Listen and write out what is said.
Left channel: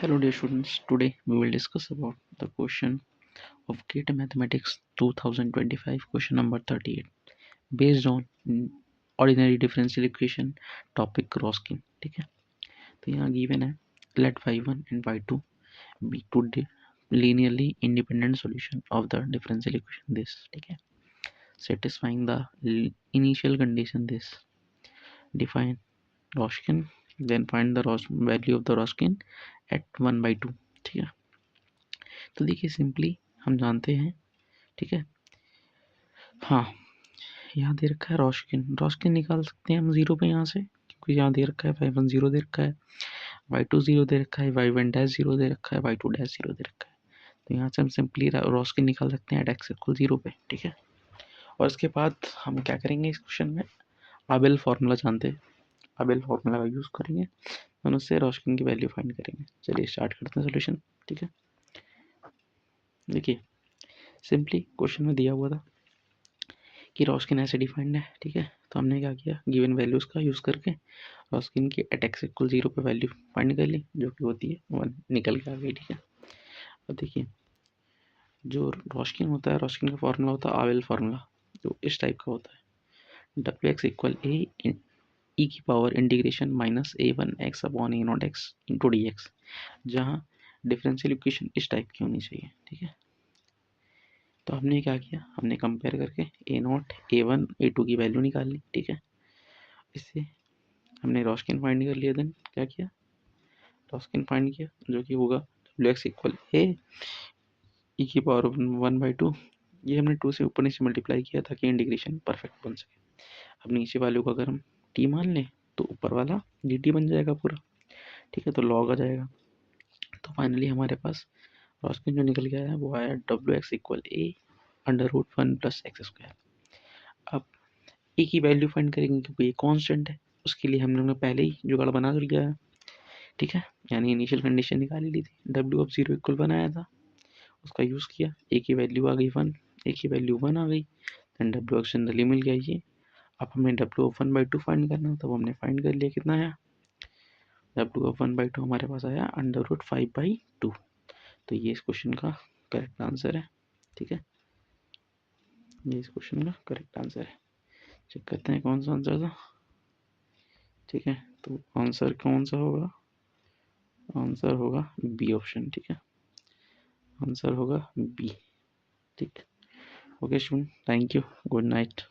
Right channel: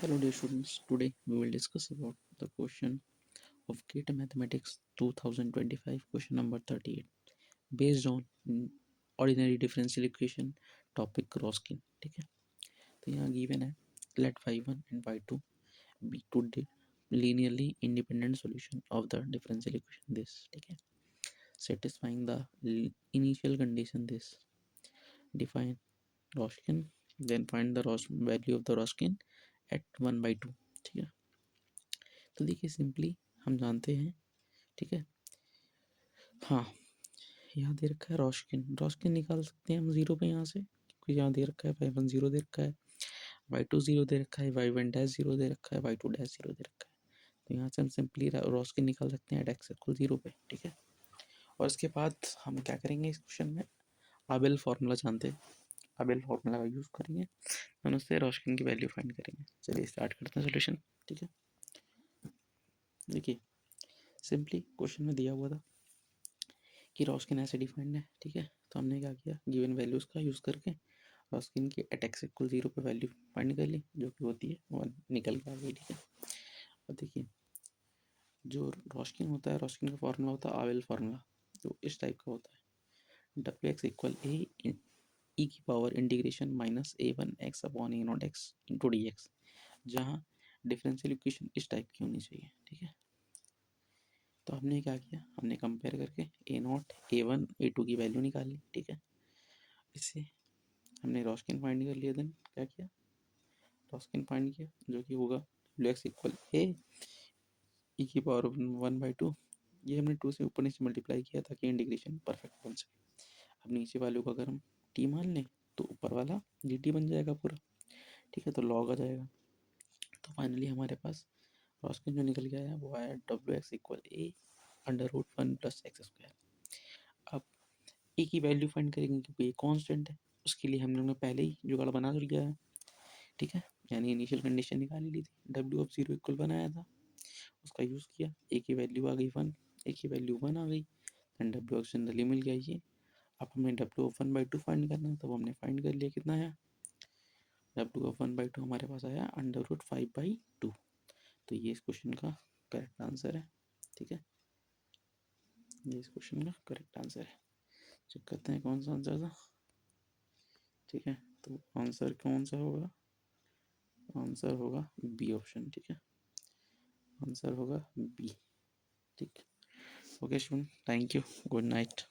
Hello dear students, today we will discuss about the question of GATE Mathematics 2025 question number 38 based on ordinary differential equation topic Roskin. ठीक है, तो यहाँ given है let y1 and y2 be two linearly independent solution of the differential equation this. ठीक है, satisfying the initial condition this, define Roskin, then find the value of the Roskin at 1/2. ठीक है, तो देखिए सिंपली हम जानते हैं, ठीक है, हाँ यहाँ दे रखा है रॉस्किन निकाल सकते हैं हम जीरो पे यहाँ से, क्योंकि यहाँ दे रखा है y1 जीरो दे रखा है, y2 जीरो दे रखा है, y1 डैश जीरो दे रखा है, y2 डैश जीरो दे रखा है। तो यहाँ से हम सिंपली रॉस्किन निकाल सकते हैं एट एक्स इक्वल जीरो पे। ठीक है, और इसके बाद हम क्या करेंगे इस क्वेश्चन में, आबेल फार्मूला जानते हैं, आबेल फार्मूला का यूज़ करेंगे और उससे रॉस्किन की वैल्यू फाइंड करेंगे। चलिए स्टार्ट करते हैं सोल्यूशन। ठीक है, देखिए सिंपली क्वेश्चन में दिया हुआ था कि रॉस्किन ऐसे डिफाइंड है। ठीक है, तो हमने क्या किया, गिवन वैल्यूज़ का यूज़ करके रॉस्किन की एट एक्स इक्वल जीरो पे वैल्यू फाइंड कर ली, जो कि होती है 1, निकल के आ गई। ठीक है, अब देखिए जो रॉस्किन होता है, रॉस्किन का फार्मूला होता है आवेल फार्मूला, जो इस टाइप का होता है, डब्ल्यू एक्स इक्वल ए ई की power integration minus A one x upon A not x into D x, जहाँ डिफरेंशियल इक्वेशन इस टाइप की होनी चाहिए। ठीक है, तो हमने क्या किया, हमने कंपेयर करके A naught A one A two की वैल्यू निकाल ली। ठीक है, इससे हमने रॉस्किन फाइंड कर लिया। देन क्या किया, रॉस्किन फाइंड किया, जो कि होगा डब्ल्यू एक्स इक्वल ए ई की पावर 1/2। ये हमने 2 से ऊपर नीचे मल्टीप्लाई किया ताकि इंटीग्रेशन परफेक्ट बन सके। अब नीचे वाले को अगर हम टी मान लें तो ऊपर वाला डी टी बन जाएगा पूरा। ठीक है, तो लॉग आ जाएगा। तो फाइनली हमारे पास रॉस्किन जो निकल के आया वो आया W X equal A under root 1 plus X square. अब ए की वैल्यू फाइंड करेंगे क्योंकि ये कॉन्स्टेंट है, उसके लिए हम लोगों ने पहले ही जुगाड़ बना लिया है। ठीक है, यानी इनिशियल कंडीशन निकाली ली थी, डब्ल्यू ऑफ जीरो इक्वल बनाया था, उसका यूज़ किया, ए की वैल्यू आ गई 1, ए की वैल्यू 1 आ गई, एंड डब्ल्यू एक्स जनरली मिल गया ये। अब हमें डब्ल्यू ऑफ 1/2 फाइंड करना, तब हमने फाइंड कर लिया, कितना आया, डब्ल्यू ऑफ 1/2 हमारे पास आया अंडर रूट 5/2। तो ये इस क्वेश्चन का करेक्ट आंसर है। ठीक है, ये इस क्वेश्चन का करेक्ट आंसर है। चेक करते हैं कौन सा आंसर था। ठीक है, तो आंसर कौन सा होगा, आंसर होगा बी ऑप्शन। ठीक है, आंसर होगा बी। ठीक, okay student, thank you, good night.